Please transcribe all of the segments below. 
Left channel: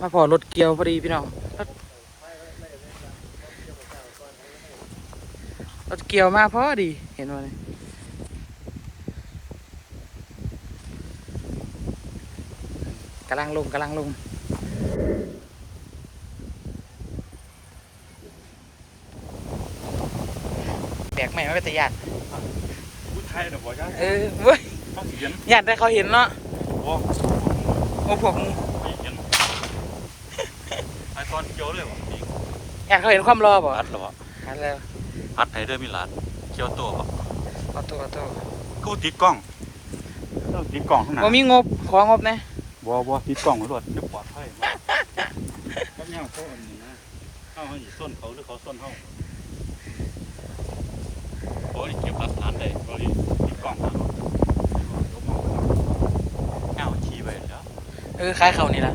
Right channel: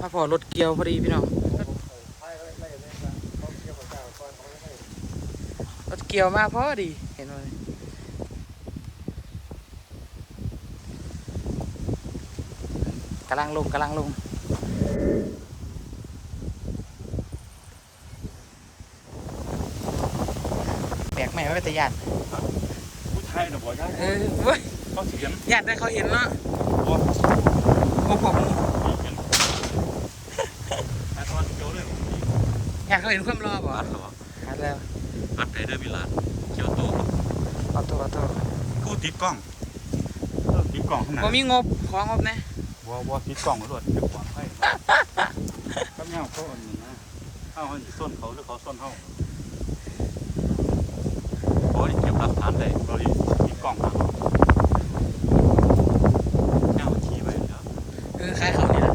มาพอรถเกี่ยวพอดีพี่น้องรถรถเกี่ยวมาพอดีเห็นไหมกำลังลงกำลังลงแปลกใหม่ไม่เป็นตะยานผู้ไทยนะบ่ยายเออเว้ยต้องเขียนอยากได้เขาเห็นเนาะโอ้โอ้ผมเขียนไอคอนเขียวเลย อยากเขาเห็นความรอบ่อัดหรอหันแล้วอัดไทยได้มีหลานเขียวตัวครับเอาตัวเอาตัวกูติดกล้องกูติดกล้องข้างหน้าบ่มีงบของงบนะบ่บ่ติดกล้องรถจะปลอดภัยก็เนี่ยเขาอันนี้นะเข้าเขาอยู่ส้นเขาหรือเขาส้นเขาเขาได้เก็บหลักฐานได้เราดิติดกล้องเขาเอาขี่ไปแล้วเออคล้ายเขานี่แหละ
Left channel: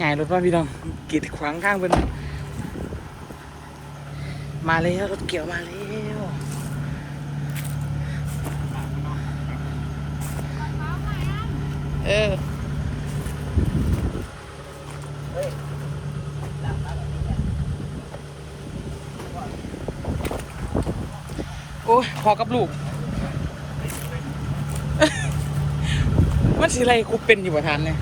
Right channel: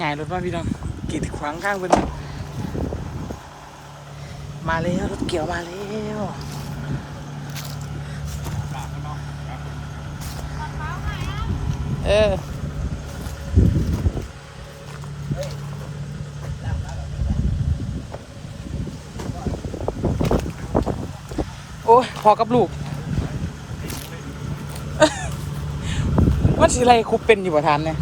ง่ายรถมาพี่น้องกีดขวางข้างเป็นมาแล้วรถเกี่ยวมาแล้วเออ อ้ยพอกับลูก มันสิอะไรกูเป็นอยู่บ่ทันเนี่ย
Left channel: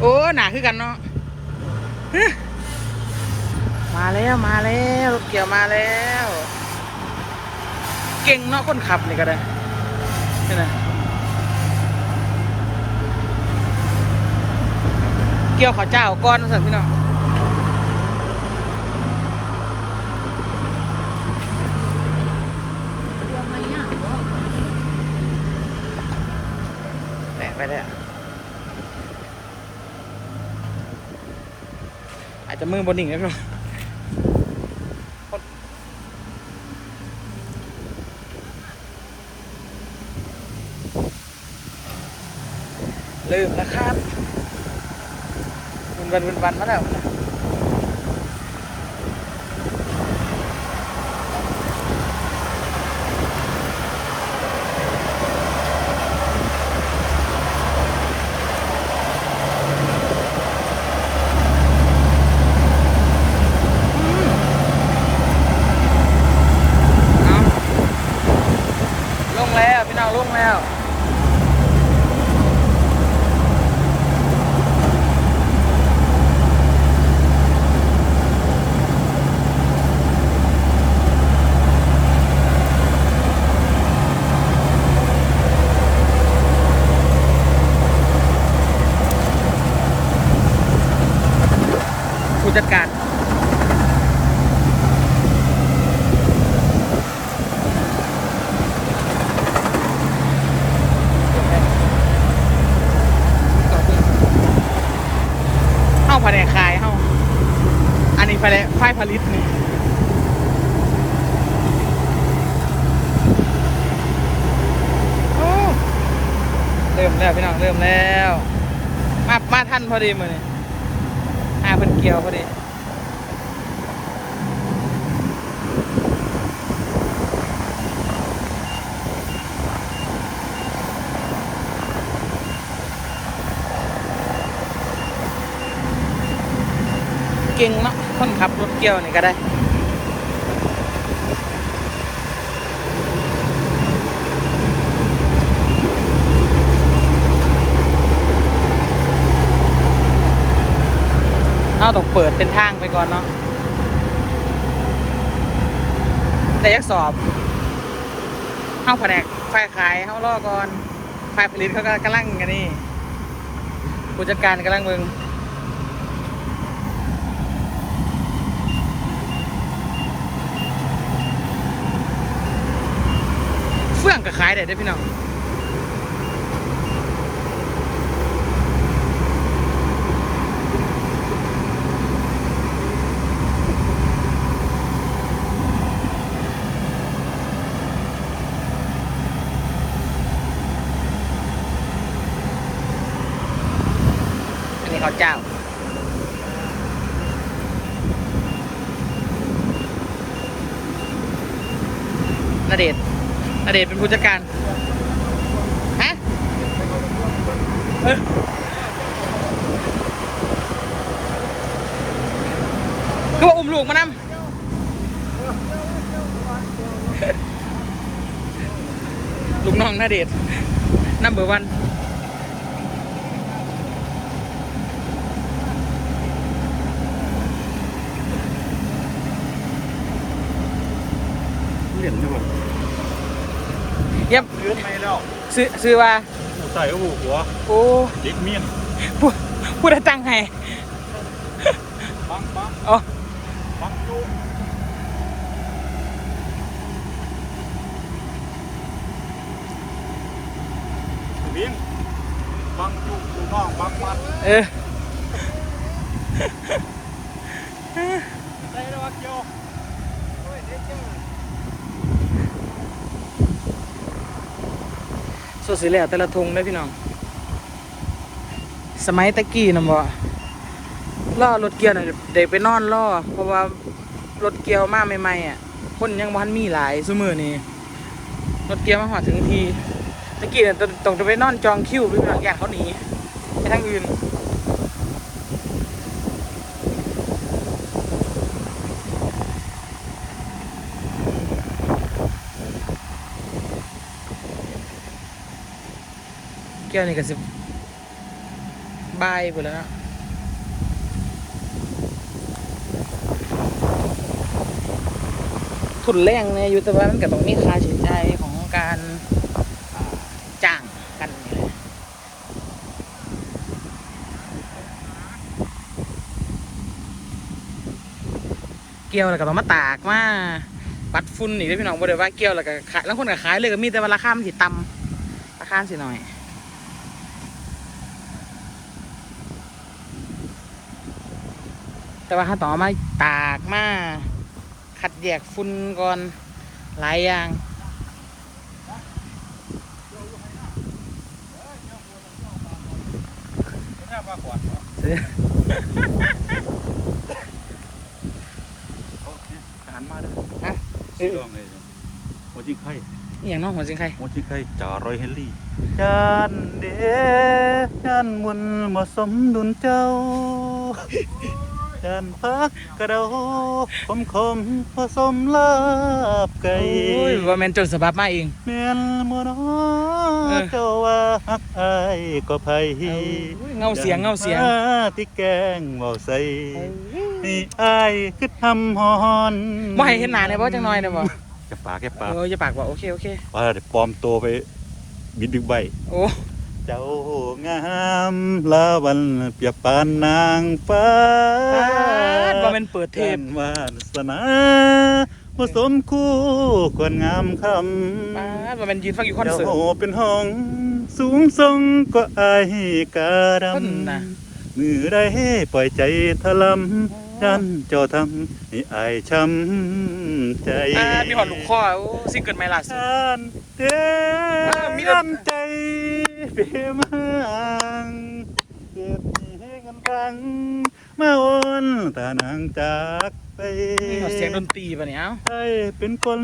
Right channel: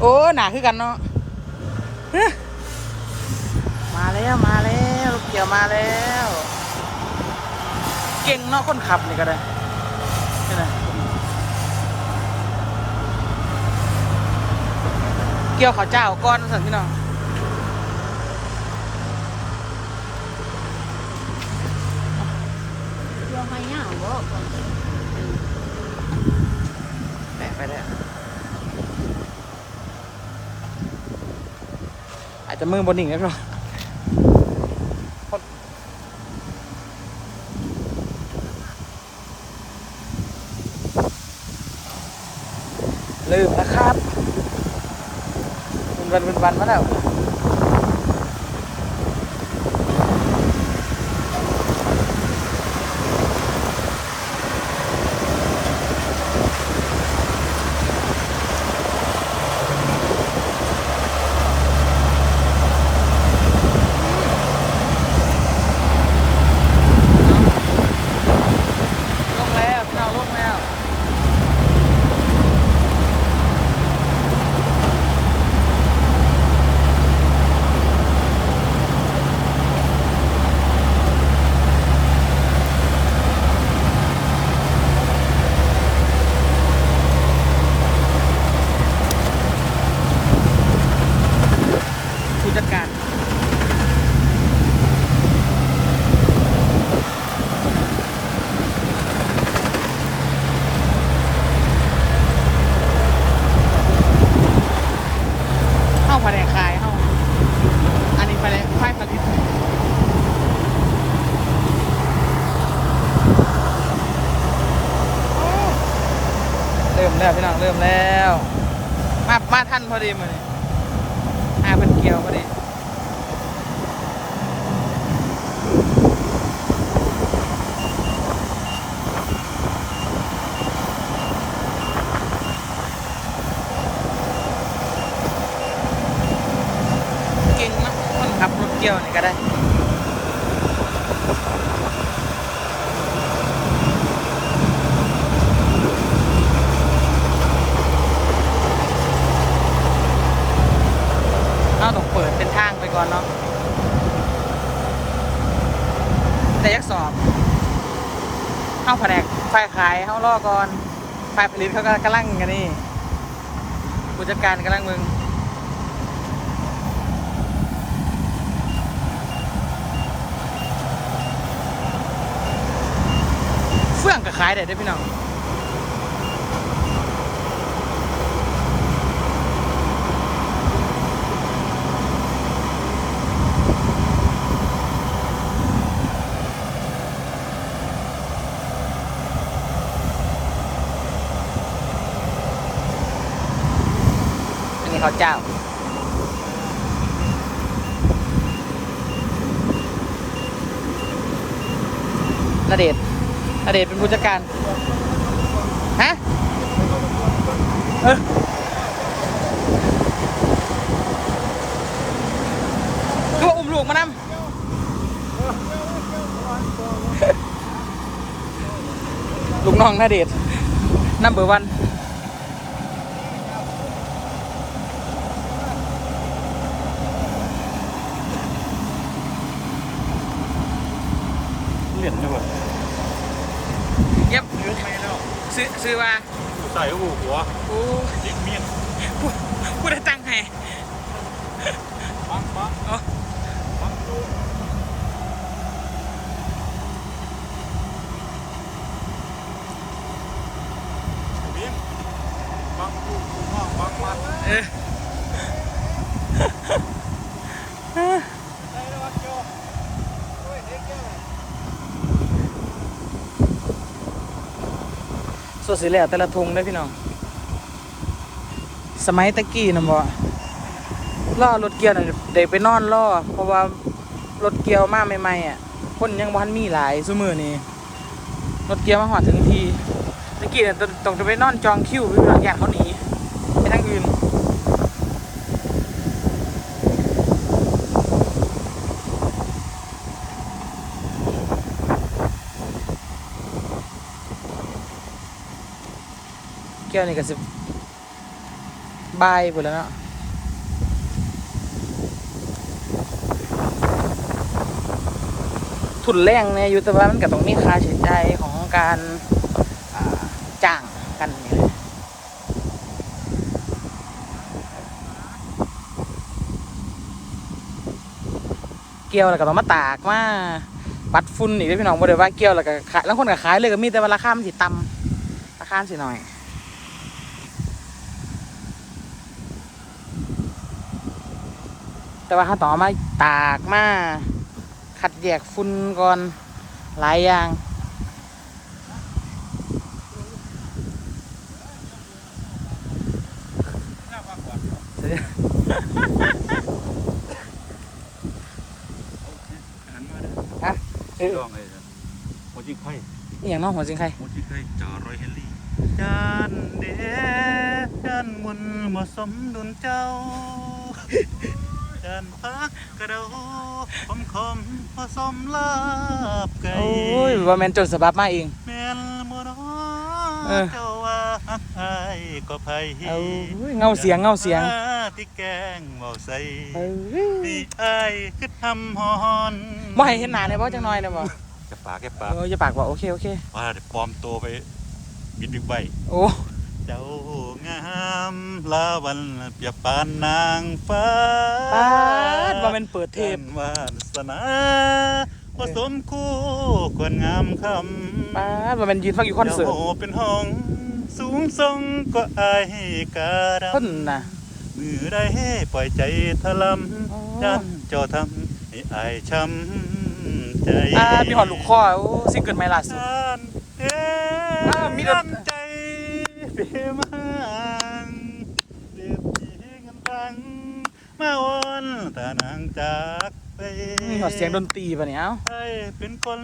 โอ้หนาคือกันเนาะมาแล้วมาแล้วรถเกี่ยวมาแล้ว เก่งเนาะคนขับนี่ก็ได้นี่นะเกี่ยวข้าวเจ้าก้อนสั่นพี่น้องแตะ ไปเลยอาจจะมือบนหนิ่งแล้วเนาะลืมนะครับวันวันวันวันมาแล้วนะลงแล้วพี่น้องลงแล้ว ผู้ จัดการเข้าภายในคายเข้าอันนี้ภายในฝ่ายผลิตนี่เริ่มแล้วพี่น้องเริ่มแล้ว มามาท่านพอดีมือนี่ อาเพิ่นเกี่ยวพอดีเก่งเนาะคนขับรถเกี่ยวนี่ก็ได้ เอาต้องเปิดเป็นทางไปก่อนเนาะแต่ยักสอบเข้าแผนกฝ่ายขายเข้ารอก่อนฝ่ายผลิตเขาก็กำลังกันนี่ผู้จัดการกำลังมึงเฟื่องก็ขายได้ด้อพี่น้อง ข้าเจ้านเดชนาเดชเป็นผู้จัดการ ฮะ เออคือกอุ้มลูกมานำลูกน้องนาเดชน้ำเบอร์วัน ดไม่แล้วซื้อซื้อว่าหูใส่หูหัวโอ้เด็กเมียนพูดพูดให้ตั้งให้ปังปังอ๋อปังจุ๊บบินปังจุ๊บลูกน้องปังมัดเออไอ้ระวังเกี่ยว สิแล้วแต่ละทงได้พี่น้อง สมัยตะกี้นะบ่ล่อรถเกียวน่ะเด็กไปนอนล่อเพราะว่ารถเกียวมาใหม่ๆอะ คนยังบ่ทันมีหลายซุมือนี่รถเกียวมาหอดถึงทีตะกี้น่ะต้องต้องจะไปนอนจองคิวไปหลังอย่างเขาหนีไปทางอื่น ก้วนี่ก็สิบายไปแล้วเนาะทุนแรงเนี่ยอยู่แต่ว่ามันก็ต้องมีค่าใช้จ่ายของการจ้างกันนี่เกี่ยวแล้วก็ต้องมาตากมาปัดฝุ่นอีกด้อพี่น้องบ่ได้ว่าเกี่ยวแล้วก็ขายแล้วคนก็ขายเลยก็มีแต่ว่าราคามันสิต่ำราคามันสิหน่อย แต่ว่าถ้าต่อมาตากมาขัดแยกฝุ่นก่อนหลายอย่างหน้าปลาขวดเนาะหันมาด้อฮะจ้องเลยหัวจิงไข่อหย่างน้องหัวจิงใครหัวจิงไข่จ่ารอยเฮนรี่จานเดจานมุนมาสมดุลเจ้า จานพักกระเดาคมคมผสมลาบไก่โอ้ยว่าแมนจนสบับมาเองเมียนมัวนอเออเจ้าว่าฮักอายก็ไผเอาเงาเสียงเงาเสียงมาที่แกงเบาใส่นี่อายคือทำฮอนบ่ให้เห็นหน้าเนี่ยบ่จังน้อยเนี่ยบ่จะปากแค่ปากเออจะปากว่าโอเคโอเคว่าเดี๋ยวปลอมตัวไปบิดดึกใบโอ้ เจ้างามลาวันเปียบปานนางฟ้าปาดว่าแมันเปิดเทปวาสนาผสมคู่ควรงามคำปาดว่าแมันยืนฟังอยู่คอนเสิร์ตจ้าเป็นห้อง สูงทรงก็อายการำเพิ่นน่ะมือได้ปล่อยใจทะลอ๋อำย้ำเจ้าทำให้อายช้ำใจอ่ามีหอดลูกคอโอ้ซิงเกิลใหม่ล่าสุดานเด้อ่ามีดนน้ำใจเปี่ยมอ่างเจ็บให้กันฟังมาโอนตานางจากไปมีหอดเสียงดนตรีป่ะเนี่ยเอ้าให้เป็นคน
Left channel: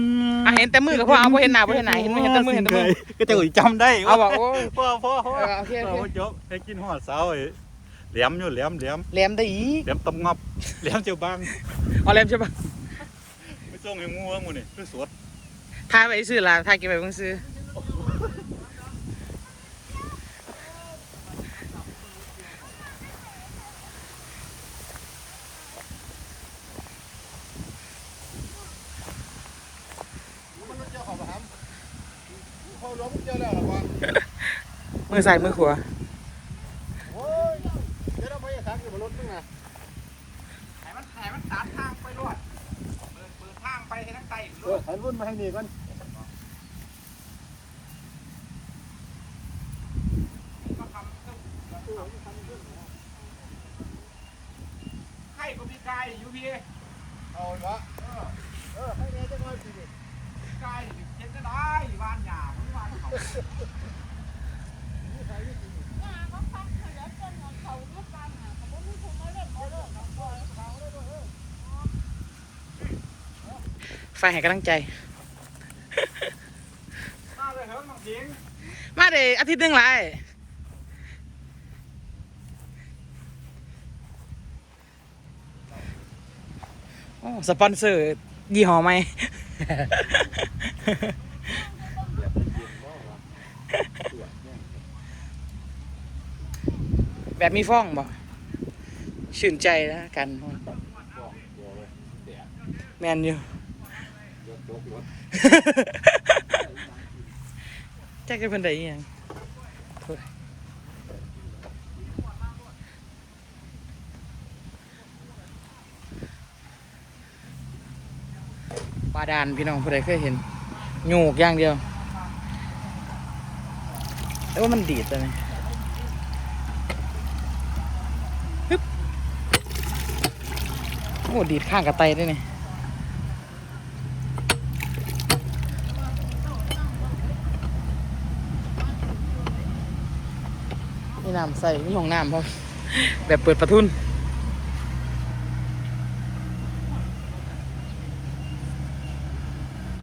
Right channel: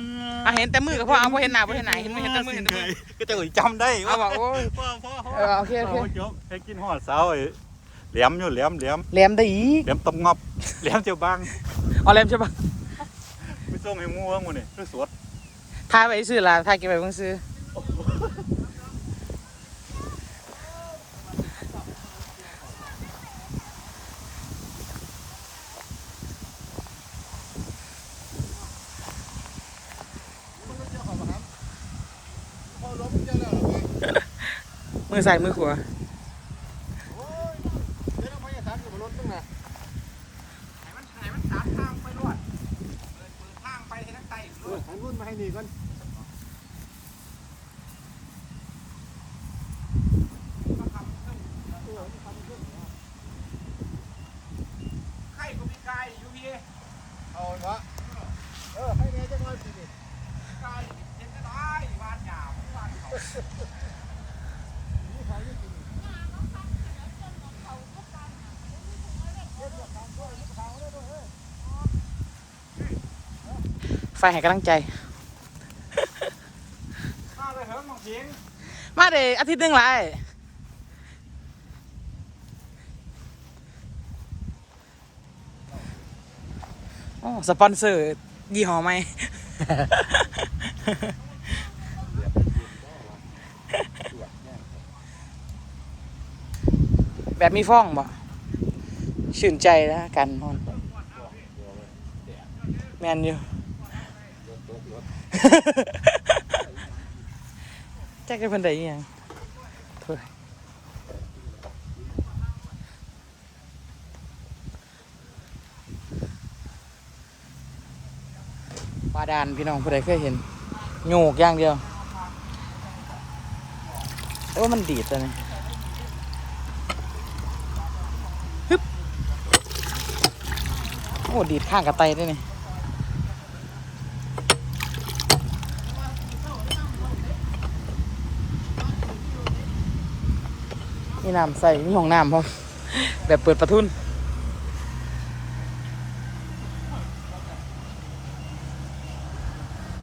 อะเห็นแต่มือกับพ่อเอาบ่เห็นหน้าบ่เห็นหน้าเห็นเห็นแต่มือเห็นแต่มือก็จะจำได้เอาว่ะโอ้ยพ่อพ่อพ่อเออโอเคโอเคาจบให้กินหอดเสาไอ้แหลมอยู่แหลมแหลมแหลมได้อีกแหลมตำงับแหลมเจ้าบางเอาแหลมใช่ปะไปส่งให้มัวหมูนี่คือสวดทายไปซื้อละทายเก็บไปเพิ่งซื้อ อใส่มือขวาเออหันรุ่นมาให้นี่ก่อน ไฟให้กำลังใจ มาเดอาทิตย์หนึงไรโอ้สปอนเซอร์ยี่ห้อไหม แบบมีฟ้องบ่ชื่นใจแล้วกันนอน แมนอยู่ จ็คจะเป็นไดอิหยังปลาดานพี่น้องผู้ใดเคยเห็นโยกอย่างเดียวแต่ว่ามันดีดตัวนี้ฮึบโอ้ดีดข้างกับไตด้วยนี่ มี น้ำใส่มีห้องน้ำพร้อมแบบเปิดประทุน